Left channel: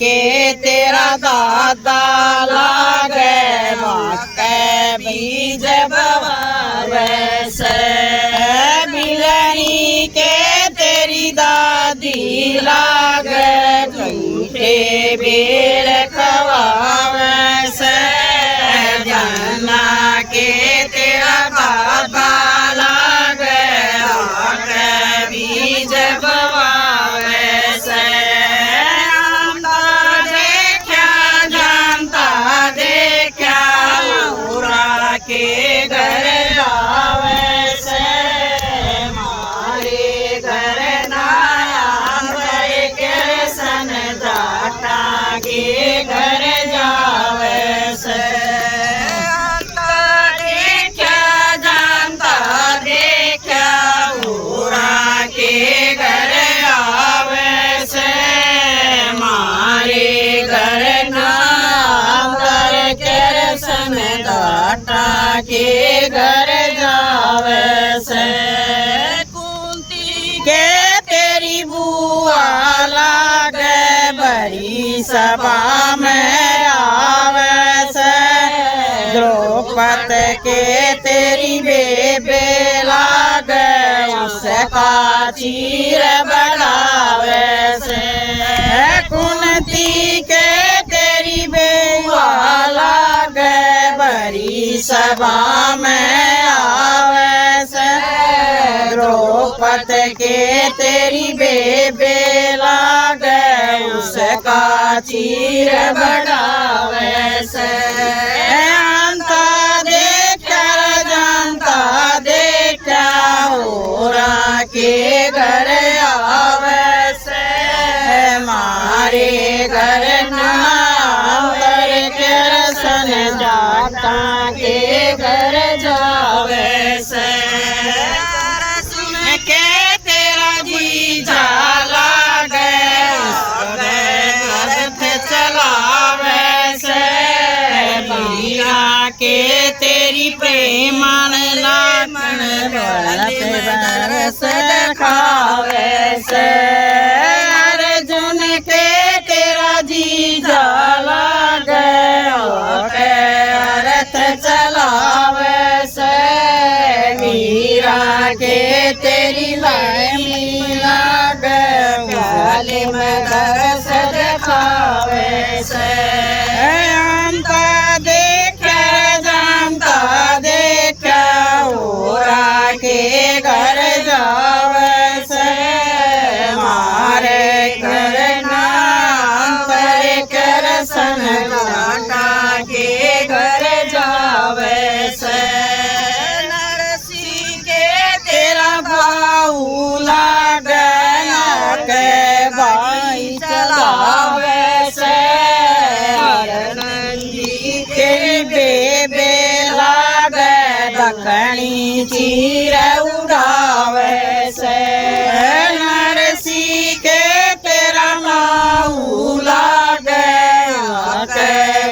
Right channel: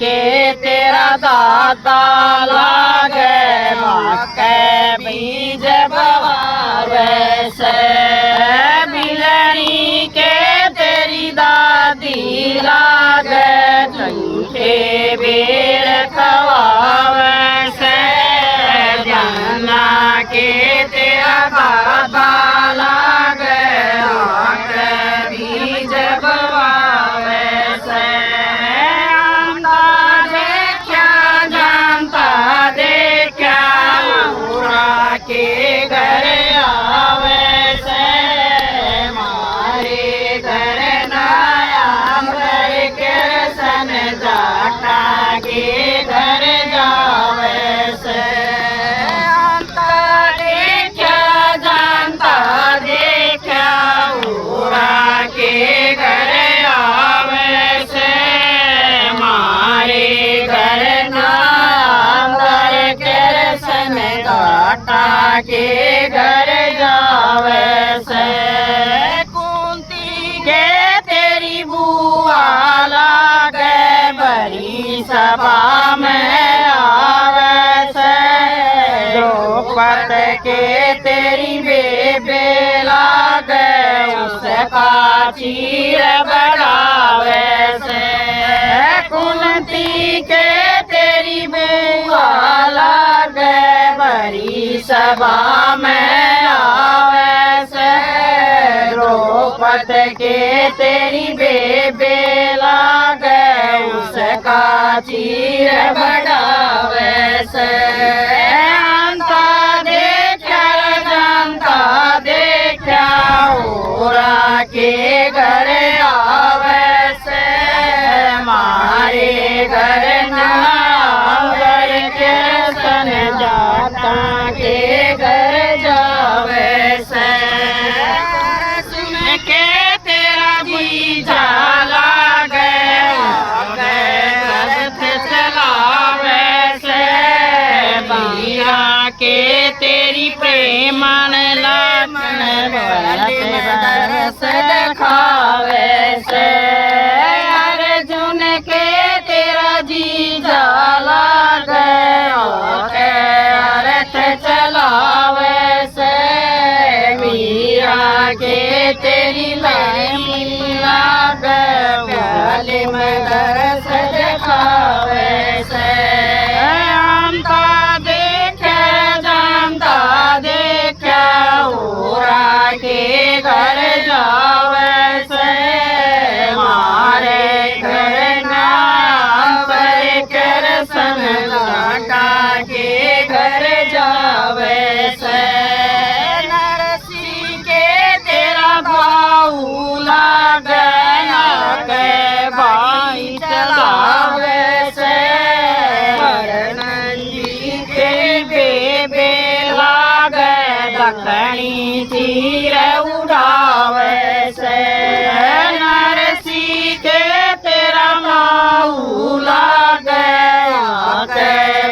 के तेरा दादा लागे मक्के बीज बवार से बिलनी के तेरी दादी लागे झूठे बेर खवावे से जाना के तेरा दादा लागे मक्के बीज बवावे से के घर आवे से मारे घर नया कृष्ण जाटा के घर जावे से देखा जानता देखा उरा के घर आवे से मारे घर कृष्ण जाटा के घर जावे से कुंती के तेरी बुआ लागे बड़ी सभा में आवे से द्रौपद के तेरी बेबे लागे उसका चीर बढ़ावे से कुंती के तेरी बुआ लागे बड़ी सभा में आवे से द्रौपद के तेरी बेबे लागे उसका चीर बढ़ावे से अंता देखकर जानता देखा ओरा के घर आवे से मारे घर कृष्ण जाटा के घर जावे से सुन के तेरा जी जाला गए रथ चलावे से बिया के तेरी प्रेमन मन दरस दिखावे से अर्जुन के तेरा जी जाला चलावे से मीरा के तेरी लामी लागे में दरस दिखावे से अंता देखा जानता देखा ओरा के घर जावे से मारे घर कृष्ण जाटा के घर जावे से नरसी के तेरा भाऊ लागे के भाई चलावे से नंदी के बेबे लागे दखनी चीर उड़ावे से नरसी के तेरा भाऊ लागे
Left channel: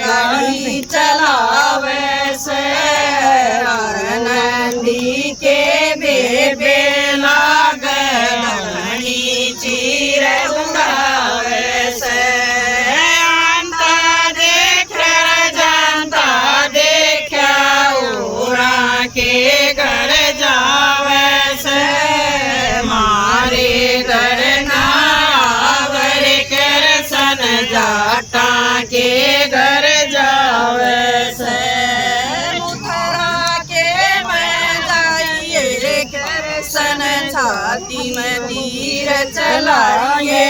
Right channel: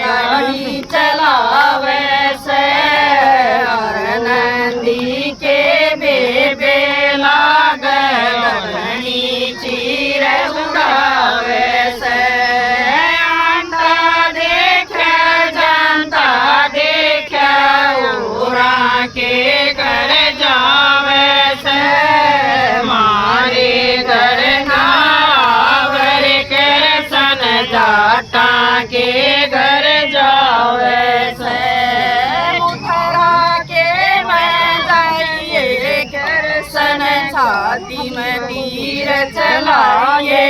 गाड़ी चलावे से और नंदी के बेबे लागे दखनी चीर उड़ावे से अंता देखा जानता देखा उरा के घर जावे से मारे घर नावर कृष्ण जाटा के घर जावे से मथुरा के मैं जाइए कृष्ण छाती में तीर चलाइए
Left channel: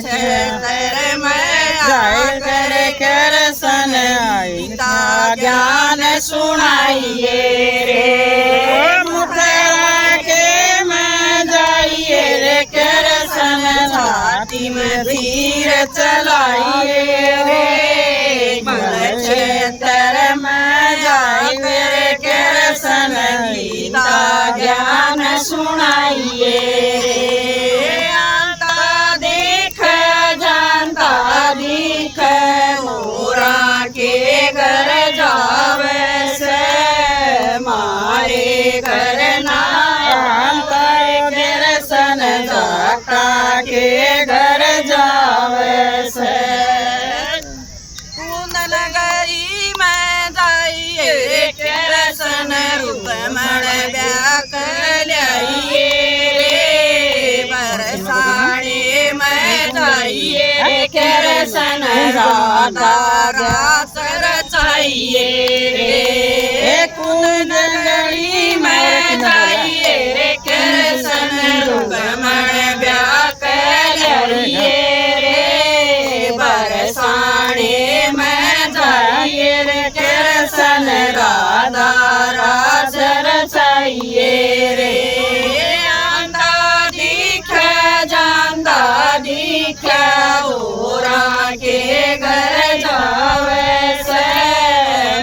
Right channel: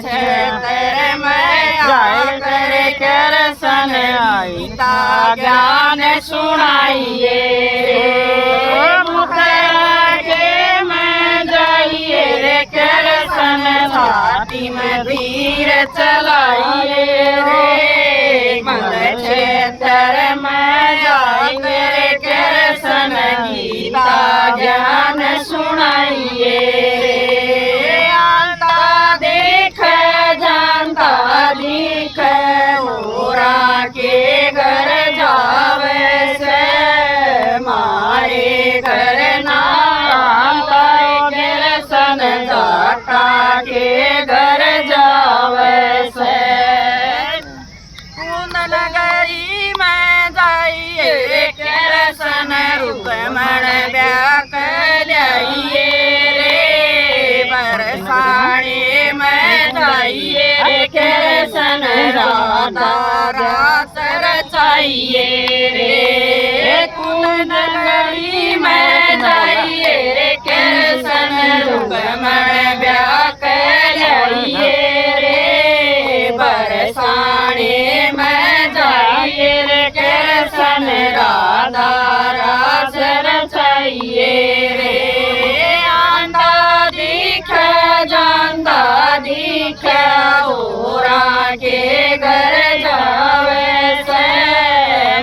क्षेत्र में जाकर कृष्ण गीता ज्ञान सुनाइए मथुरा के मैं जाइए कृष्ण छाती में तीर चलाइए क्षेत्र में जाइए कृष्ण गीता ज्ञान सुनाइए अंता देख जानता दिख ओरा के घर जावे से मारे घर नाम कृष्ण जाटा के घर जा जाइए रे कृष्ण राधा रास रचाइए रे कुंडली में जाइए रे कृष्ण रुक्मण ब्याह कराइए रे बरसाने में जाइए रे कृष्ण राधा रास रचाइए रे आंधा दिखे जांदा दिखे ओरा के घर जावे से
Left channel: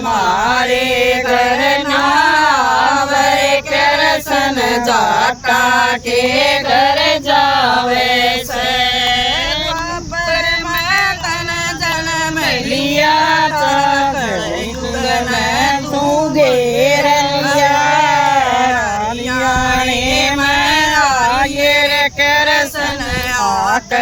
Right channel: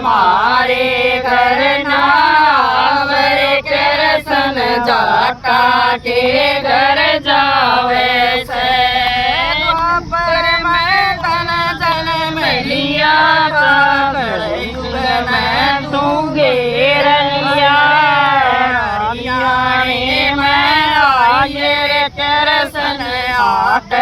मारे घर नावे कृष्ण जाटा के घर जावे से द्वापर में तन जन्म लिया था कलयुग में तू घेर लिया लियाने में आइए रे कृष्ण आठ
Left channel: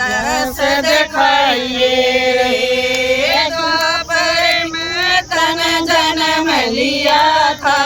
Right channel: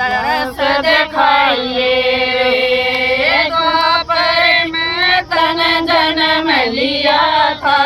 दस दिखाइए रे द्वापर में तन जन्म लिया था